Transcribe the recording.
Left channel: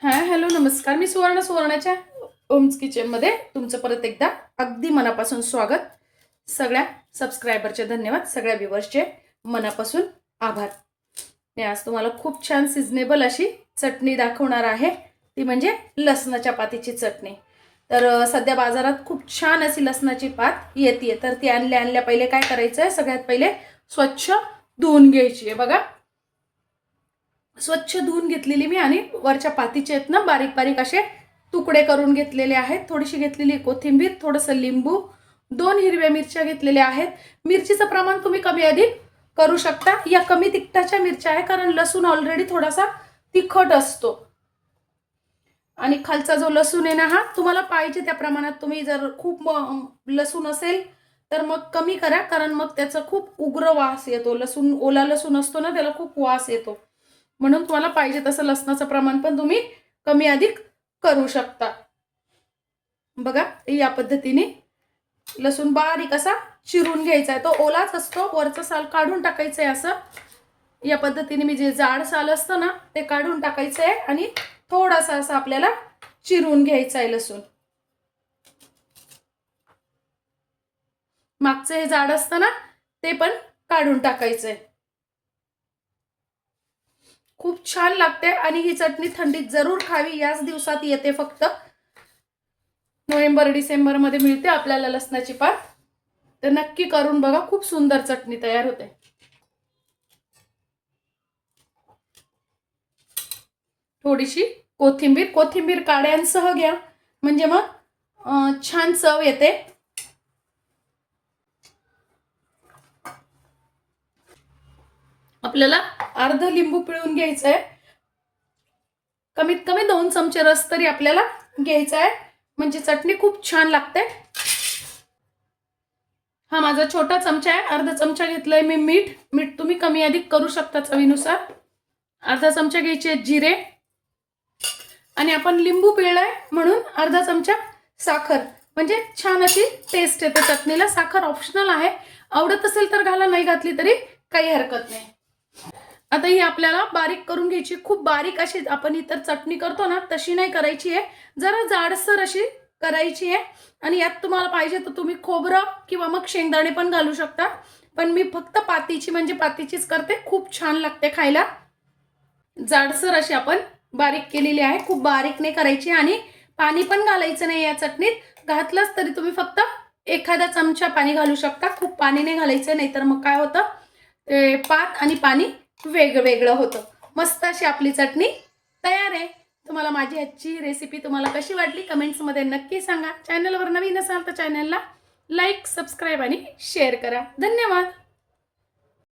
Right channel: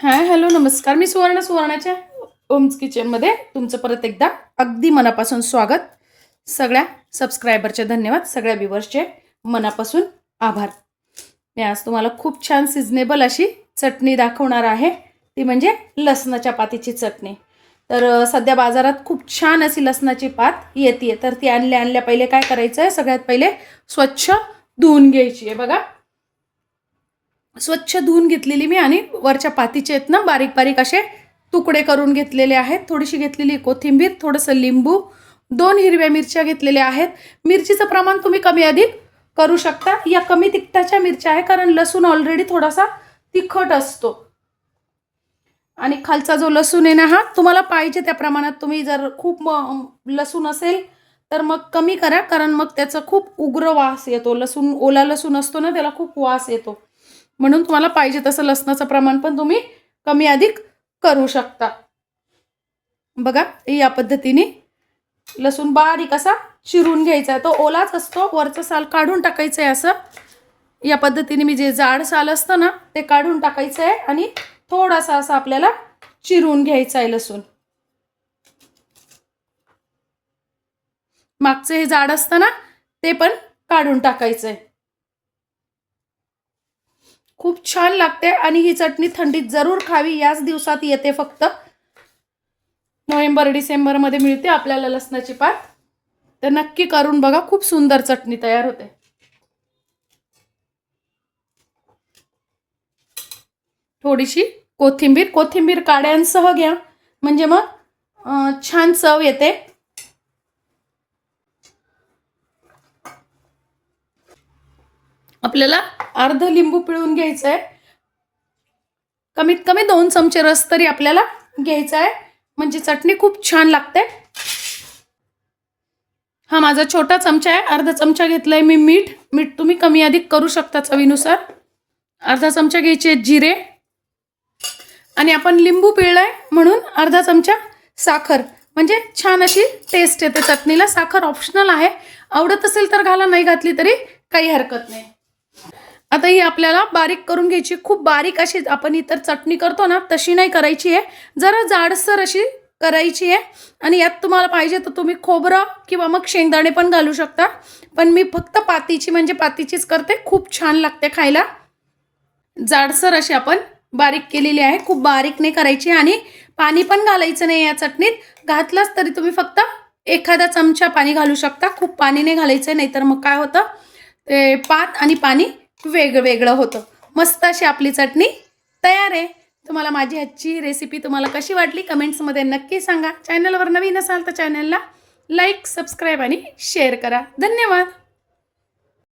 Hi hello नमस्कार. मी सुवर्णाच्या Ohm's किचनमध्ये तुमचं परत एकदा अगदी मनापासून स्वागत. सगळ्या सबस्क्रायबरचे धन्यवाद, सगळ्या व्ह्यूअर्सचे मनापासून आभार. मी आज तुम्हाला खूप छान सिजनेबल अशी चटणी दाखवणार आहे, ती म्हणजे लसणाच्या पातीची चटणी. तर सध्या बाजारात खूप छान अशी लसणाची पात येते, तर ती आणल्या पहिले काय करायचं आहे, सगळ्यात पहिले स्वच्छ धुवून घ्यायची आहे. बघा, स्वच्छ धुवून घेतलेली मी आणि वरच्या पातीचे आहेत ना बारीक बारीक असे तुकडे करून घेतलेले आहेत. थोडीशी घेतलेली कोथिंबीर, थोडंसं लिंबू, 2 हिरव्या मिरच्या घेतलेल्या आहेत. मिरचीचं प्रमाण तुम्ही कमी अधिक करू शकता. या कमी तिखटाच्या मिरच्या आहे, कारण लसूण ऑलरेडी थोडासा तिखट असतो. आणि खालचा जो लसूण आहे ना, हा तुम्हाला पाहिजे त्या प्रमाणात. तुम्ही जर खूप लसूण असेल तर मग कमी करा, कारण मग त्याचा खूप उग्र वास येतो. लसूण, ओला लसूण असतो ना, त्याला खूप वास येतो. म्हणून तुम्हाला पाहिजे तसं लसणाचं प्रमाण पण तुम्ही कमी अधिक करू शकता. बघा, या पद्धतीने लसूण बारीक असा चिरून घ्यायचा आहे. तो ओलाच असतो, वरचं साल काढून टाकायचं आहे. असं या पद्धतीने मी जे जाड साल असतं ना ते काढून टाकायचं आहे आणि थोडासा असं आपल्याला चिरून घ्यायचं आहे लसूण. मागचं हे जाड असतं ना ते पण काढून टाकायचं आहे. खूप छान लागते आणि ही चटणी थंडीत जरूर खावी. याच दिवसात येते, फक्त नोव्हेंबर डिसेंबर मध्ये मिळते आपल्याला लसणाची पात. तर नक्की करून बघा, खूप सुंदर चटणी तयार होते. थोडीशी कोथिंबीर काड्यांसह घ्या, म्हणजे मग छान चव येते. आपल्याला अर्ध लिंबू पिळून घ्यायचंय. कमीत कमी 2 चमचे रस तरी आपल्याला घ्यायचा आहे, म्हणजे चटणी खूप छान लागते. हा माझा छोटा चमचा आहे, अर्धा चमचा घेतलाय मी मीठ तुम्ही कमी अधिक करू शकता चवीनुसार. अर्धा चमचा घ्यायचे जिरे, आणि आपण लिंबू पिळलाय म्हणून अर्धा चमचा साखर, म्हणजे छान अशी टेस्ट येते चटणीला. साखर ऑप्शनल आहे, आवडत असेल तर घाला, नाही घातली तरी काही हरकत नाही. आता ही आपल्याला बारीक करून घ्यायची. खूप बारीक अशी आपण इतर चटणी करतो ना तशी नाही करायची आहे, जरा जाडसर अशी करायची आहे. आणि यात तुम्हाला पाहिजे तर तुम्ही खोबरं किंवा मग शेंगदाणे पण घालू शकता, पण मी फक्त पातीची म्हणजे पातीचीच करते. खूप छान लागते खायला. जाडसर अशी आपण बारीक केलेली आहे, खूप बारीक नाही करायची. आणि पाणी पण घालायचं नाही या चटणीत. घातलाच तरी तुम्ही फक्त एखादा चमचा पाणी घालू शकता, खूप पाणी नाही घालायचं, नाहीतर मग काय होतं, ते पात आणि पाणी वेगवेगळं होतं. मस्त अशी आपली चटणी तयार आहे. तुम्हाला माझी आजची रेसिपी तुम्हाला कशी वाटली कमेंट्समध्ये नक्की सांगा. चॅनलवर नवीन असाल तर चॅनलला लाईक, सबस्क्राईब आणि शेअर करा. धन्यवाद.